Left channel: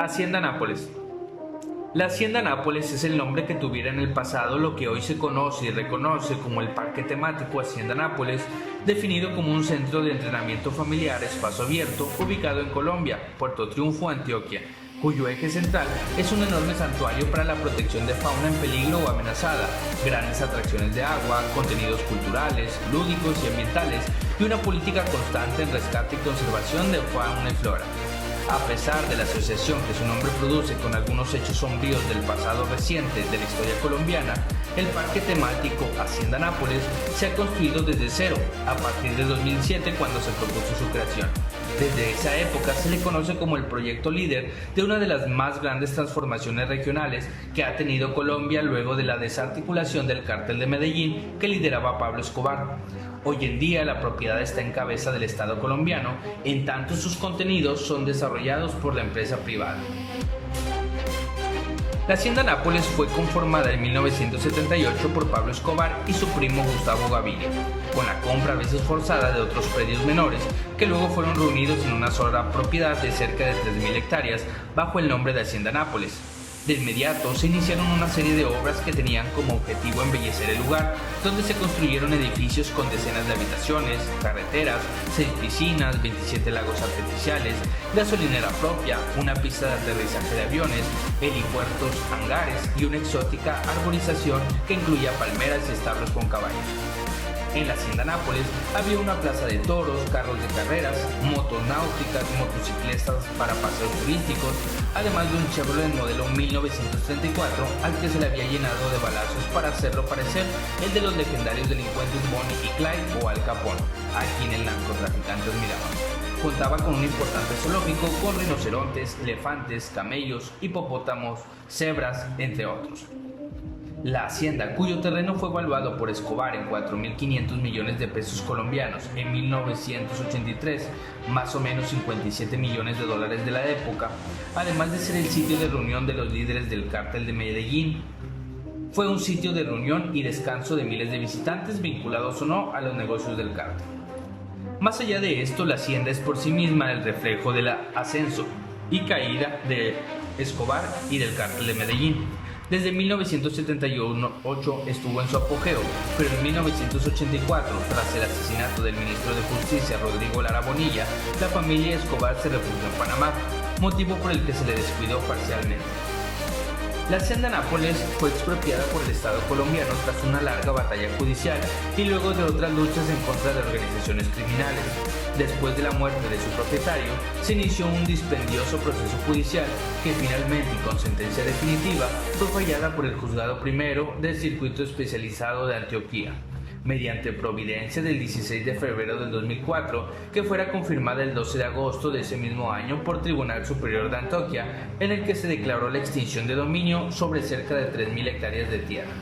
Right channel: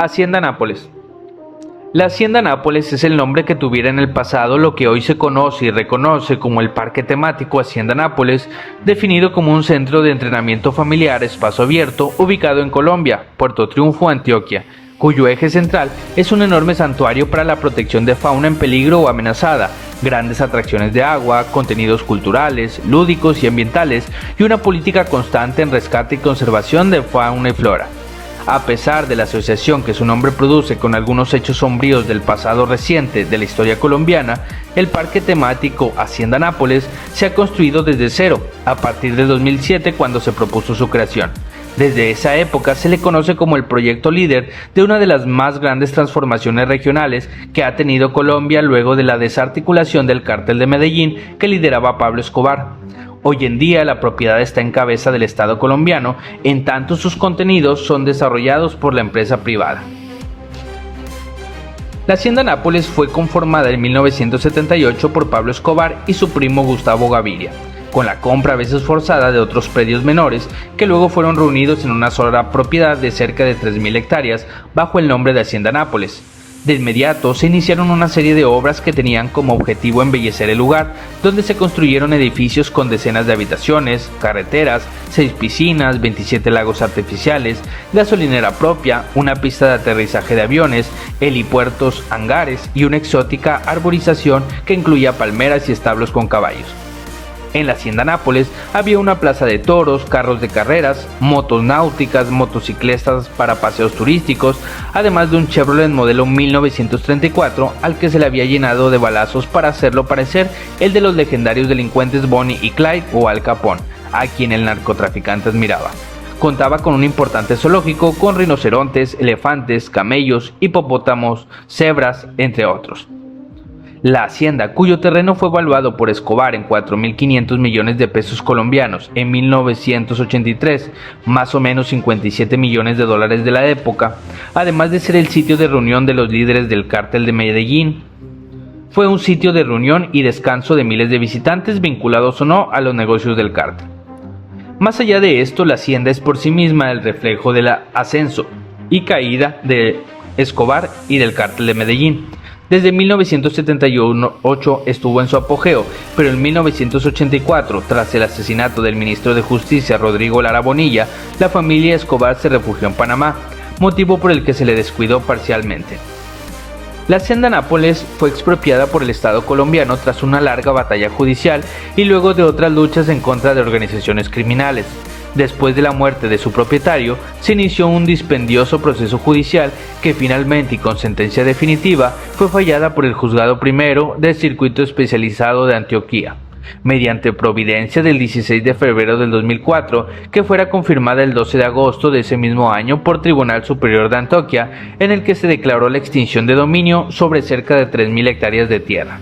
Hacienda Nápoles. La Hacienda Nápoles es el nombre que tuviera en el pasado lo que hoy se conoce y reconoce como el Parque Temático Hacienda Nápoles, definido como un centro de entrenamiento familiar espacio abierto ubicado en Colombia, Puerto Triunfo, Antioquia, cuyo eje central es un enorme santuario para la protección de fauna en peligro o amenazada, grandes atracciones de agua, contenidos culturales, lúdicos y ambientales, y una política constante en rescate y conservación de fauna y flora. A pesar de la asociación que su nombre produce con algunos hechos sombríos del pasado reciente de la historia colombiana, el parque temático Hacienda Nápoles se ha construido desde cero, a partir de 2007 cuando se propuso su creación. Desde esa época se le conoce como el proyecto líder de una de las más grandes transformaciones regionales que ha tenido Colombia luego de la desarticulación del Cártel de Medellín que lideraba Pablo Escobar. Hoy en día la propiedad está en cabeza del Estado colombiano, en tanto sus contenidos son desarrollados por la empresa privada. La Hacienda Nápoles fue conformada en 1978 por Pablo Escobar y su primo Gustavo Gaviria, con la compra a veces forzada de otros predios menores que luego fueron reunidos en una sola propiedad de cerca de 3.000 hectáreas bajo el nombre de Hacienda Nápoles. De inmediato se iniciaron una serie de obras que tenían como objetivo embellecer el lugar, donde se construyeron edificios con decenas de habitaciones, carreteras, 6 piscinas, 27 lagos artificiales, gasolinera propia, una pista de aterrizaje de aviones, helipuertos, hangares y una exótica arborización que incluía palmeras y establos con caballos. En la Hacienda Nápoles había una plaza de toros, carros de carreras, motos náuticas, motocicletas para paseos turísticos, además de un Chevrolet modelo 1934 al que se le había llenado de balazos para hacerlo parecer el de los legendarios delincuentes Bonnie y Clyde o Al Capone, a quien el narcotraficante admiraba. Contaba con un importante zoológico con rinocerontes, elefantes, camellos, hipopótamos, cebras, entre otros. La hacienda, cuyo terreno fue evaluado por Escobar en 4.500 millones de pesos colombianos en 1983, más o menos 57 millones de dólares de la época, además de ser el sitio de reunión de los líderes del Cártel de Medellín, fue un sitio de reunión y descanso de miles de visitantes vinculados o no a los negocios del cártel. Más allá de esto, la hacienda es por sí misma el reflejo del ascenso y caída de Escobar y del Cártel de Medellín. Desde 1978 estuvo en su apogeo, pero en 1984, tras el asesinato del ministro de Justicia Rodrigo Lara Bonilla, la familia Escobar se refugió en Panamá, motivo por el que se le descuidó parcialmente. La Hacienda Nápoles fue expropiada por el Estado colombiano tras una larga batalla judicial y luego de otras luchas en contra de organizaciones criminales. Después de la muerte de su propietario, se inició un dispendioso proceso judicial que finalmente y con sentencia definitiva fue fallada por el Juzgado Primero del Circuito Especializado de Antioquia, mediante providencia del 16 de febrero del 2004, que fuera confirmada el 12 de agosto de ese mismo año por Tribunal Superior de Antioquia, en el que se declaró la extinción de dominio sobre cerca de 3.000 hectáreas de tierra.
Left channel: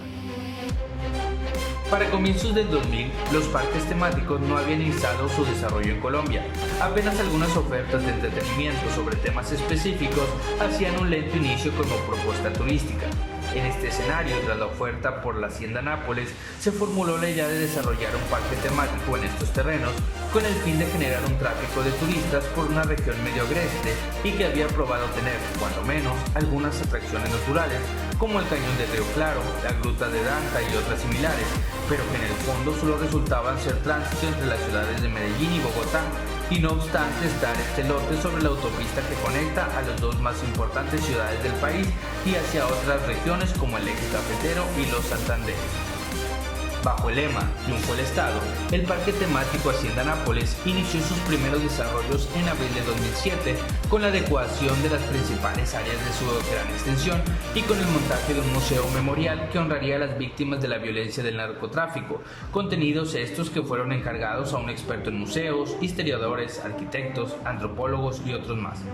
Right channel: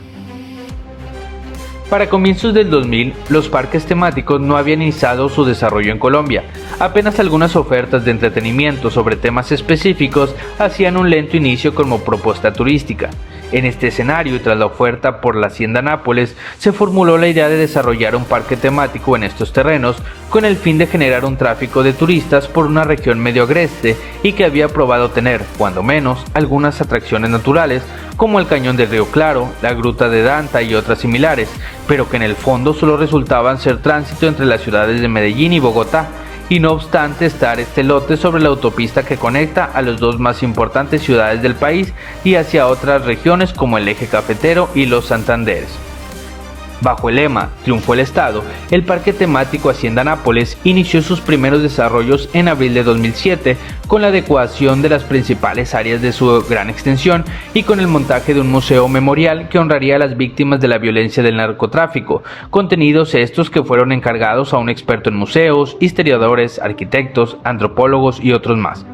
Para comienzos del 2000, los parques temáticos no habían iniciado su desarrollo en Colombia. Apenas algunas ofertas de entretenimiento sobre temas específicos hacían un lento inicio como propuesta turística. En este escenario y tras la oferta por la Hacienda Nápoles, se formuló la idea de desarrollar un parque temático en estos terrenos con el fin de generar un tráfico de turistas por una región medio agreste y que había probado tener, cuando menos, algunas atracciones naturales como el Cañón del Río Claro, la Gruta de Danta y otras similares, pero que en el fondo solo resultaban ser tránsito entre las ciudades de Medellín y Bogotá, y no obstante estar este lote sobre la autopista que conecta a las dos más importantes ciudades del país y hacia otras regiones como el Eje Cafetero y los Santanderes. Bajo el lema Triunfó el Estado, el parque temático Hacienda Nápoles inició sus primeros desarrollos en abril de 2007 con la adecuación de las principales áreas de su gran extensión y con el montaje de un museo memorial que honraría a las víctimas de la violencia del narcotráfico, contenidos estos que fueron encargados a un experto en museos, historiadores, arquitectos, antropólogos y otros más.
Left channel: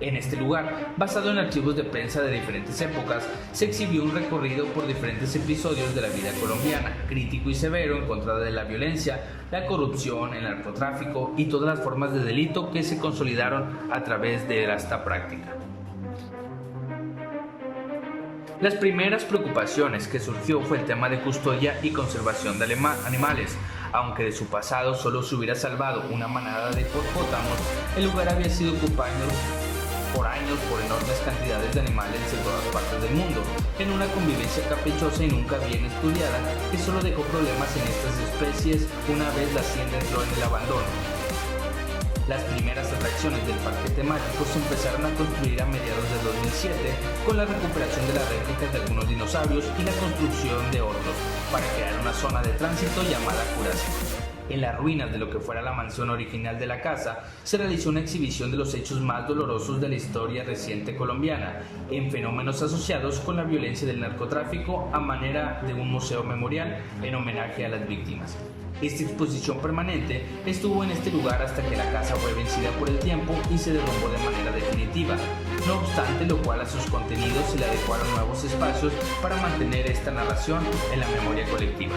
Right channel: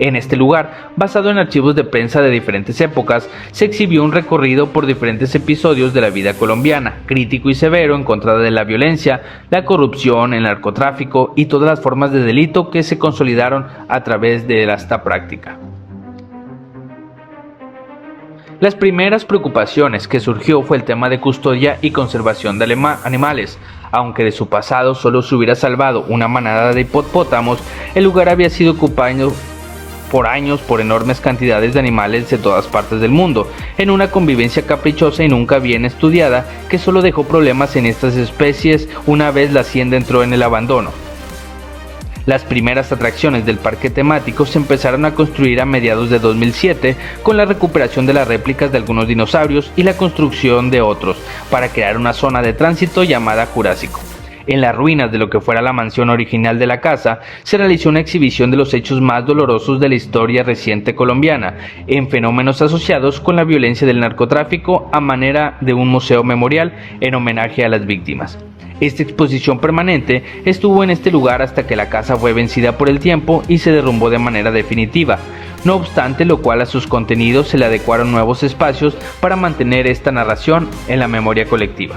En este lugar, basado en archivos de prensa de diferentes épocas, se exhibió un recorrido por diferentes episodios de la vida colombiana, crítico y severo en contra de la violencia, la corrupción, el narcotráfico y todas las formas de delito que se consolidaron a través de esta práctica. Las primeras preocupaciones que surgió fue el tema de custodia y conservación de animales. Aunque de su pasado solo se hubiera salvado una manada de hipopótamos, el lugar había sido ocupado por años por enormes cantidades de animales de todas partes del mundo, en una convivencia caprichosa y nunca bien estudiada que solo dejó problemas en estas especies una vez la hacienda entró en el abandono. Las primeras atracciones del parque temático se empezaron a construir a mediados de 2007 con la recuperación de las réplicas de algunos dinosaurios y la construcción de otros, para crear una zona de tránsito llamada Jurásico. En las ruinas de lo que fuera la mansión original de la casa, se realizó una exhibición de los hechos más dolorosos de la historia reciente colombiana, en fenómenos asociados con la violencia del narcotráfico a manera de un museo memorial en homenaje a las víctimas. Esta exposición permanente estuvo en este lugar hasta que la casa fue vencida por el tiempo y se derrumbó de manera definitiva, no obstante lo cual a sus contenidos se le adecuaron nuevos espacios para mantener esta narración en la memoria colectiva.